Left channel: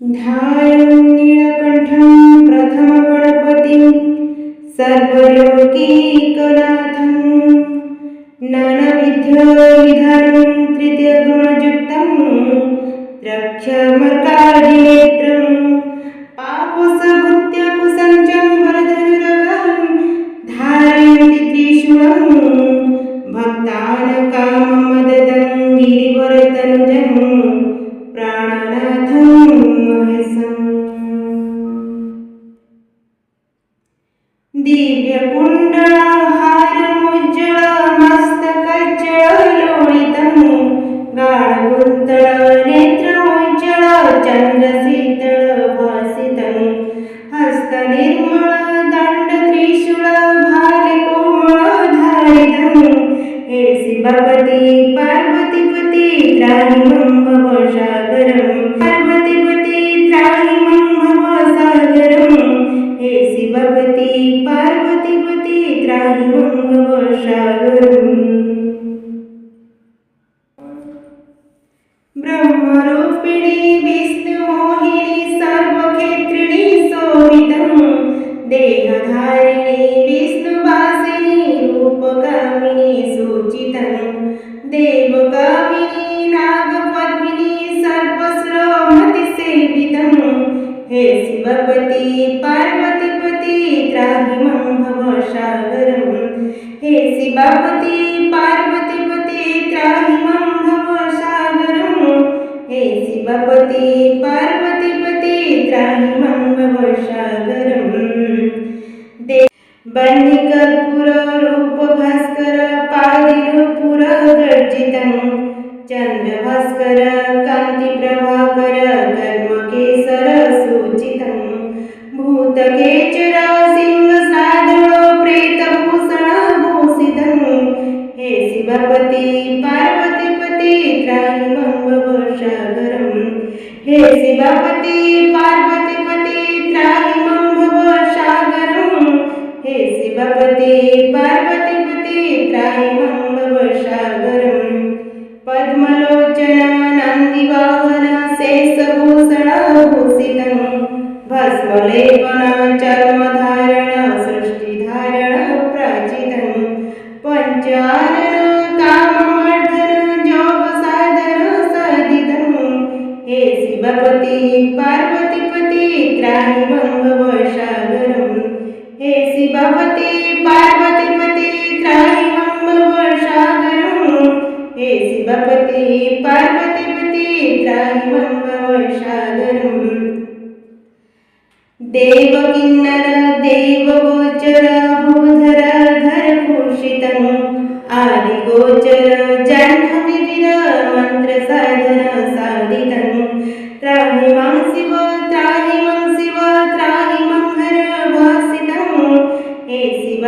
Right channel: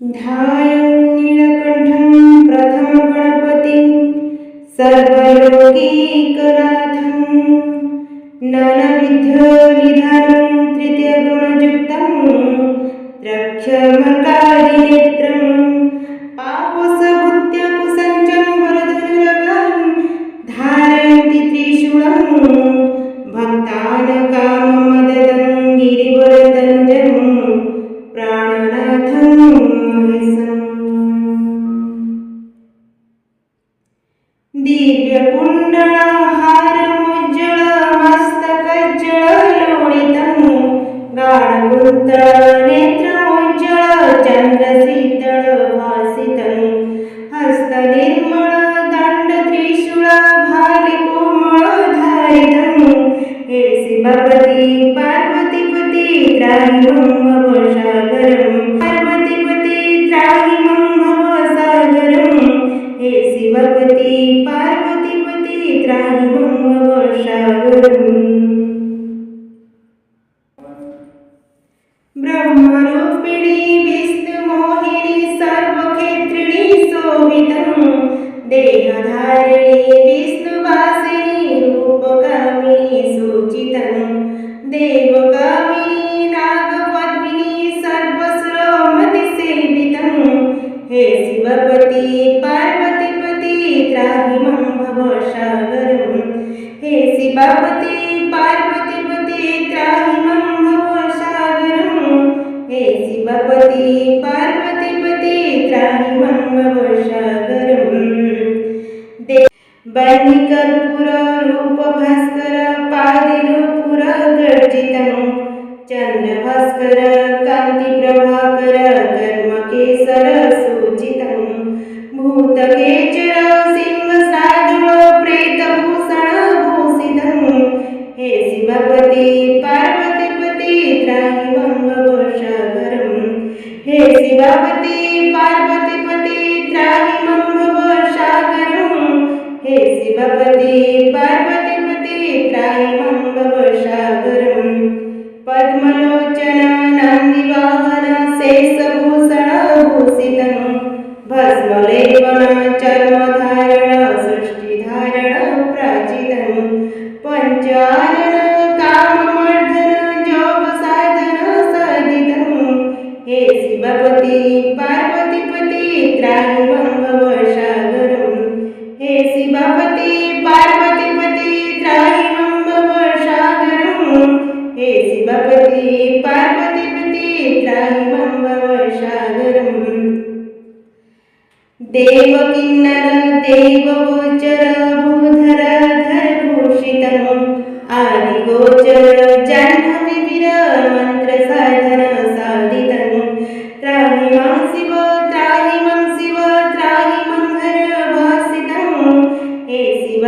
ध्यायं नीलकण्ठं प्रथमगणपतिं सर्वलोकैकनाथं नानाविधनिधानं तृतीयगुणयुक्तं द्रक्ष्यमर्कादिनेत्रं पापसभूत्यकुसञ्चं वरधनुरगां धारयन्ति त्रिशूलं भक्तानकाममददं गिरिवरतनुजं प्राणनाथं महेशम्। दिव्यकुण्डलहारमुज्ज्वलमस्तकज्जलोलितं गाढकुन्तलनेत्रमुज्ज्वलचन्द्रशीतलभासितं हस्तनिर्मलदण्डत्रिशूलभालिकोमलधारितं हे शिवपति पार्वतीपति त्राहि मम भवसागरं पार्वतीपति त्राहि मम भवसागरं हे शिवपति पार्वतीपति त्राहि मम भवसागरम्। ब्रह्मरूपिणी विष्णुमोहिनी सर्वक्षेत्रिणी शोभितं देहधारिणी विष्णुवासिनी रूपकामिनी सूचितं देवकामिनी नागपद्मिनी सर्वसुरमतिसेवितं हे शिवपति पार्वतीपति त्राहि मम भवसागरं हे शिवपति पार्वतीपति त्राहि मम भवसागरं हे शिवपति पार्वतीपति त्राहि मम भवसागरं। बन्निकर्पूर रूपभास्कर पादिनूपुर गर्जितं चन्द्रभास्कर कान्तिप्रभाकर कर्मकेसर सूचितं भूतकेचर सिंहसाधुळ प्रेतभूषण भूषितं हे शिवपति पार्वतीपति त्राहि मम भवसागरं हे शिवपति पार्वतीपति त्राहि मम भवसागरं हे शिवपति पार्वतीपति त्राहि मम भवसागरं। पद्मलोचन नन्दिवाहन शेषभूषण भूषितं भस्मलेपन चर्मधारण सृष्टिधारण प्राचितं पञ्चानन काममर्दन जोगसाधन साधितं हे शिवपति पार्वतीपति त्राहि मम भवसागरं हे शिवपति पार्वतीपति त्राहि मम भवसागरं हे शिवपति पार्वतीपति त्राहि मम भवसागरं। देवकिन्नर देवगोचर भूधर धरभूषितं आदिगोचर जाह्नवीवीर मन्त्रसाधन साधितं त्राहि मम शिव त्राहि मम शिव त्राहि मम हर भासितं हे शिव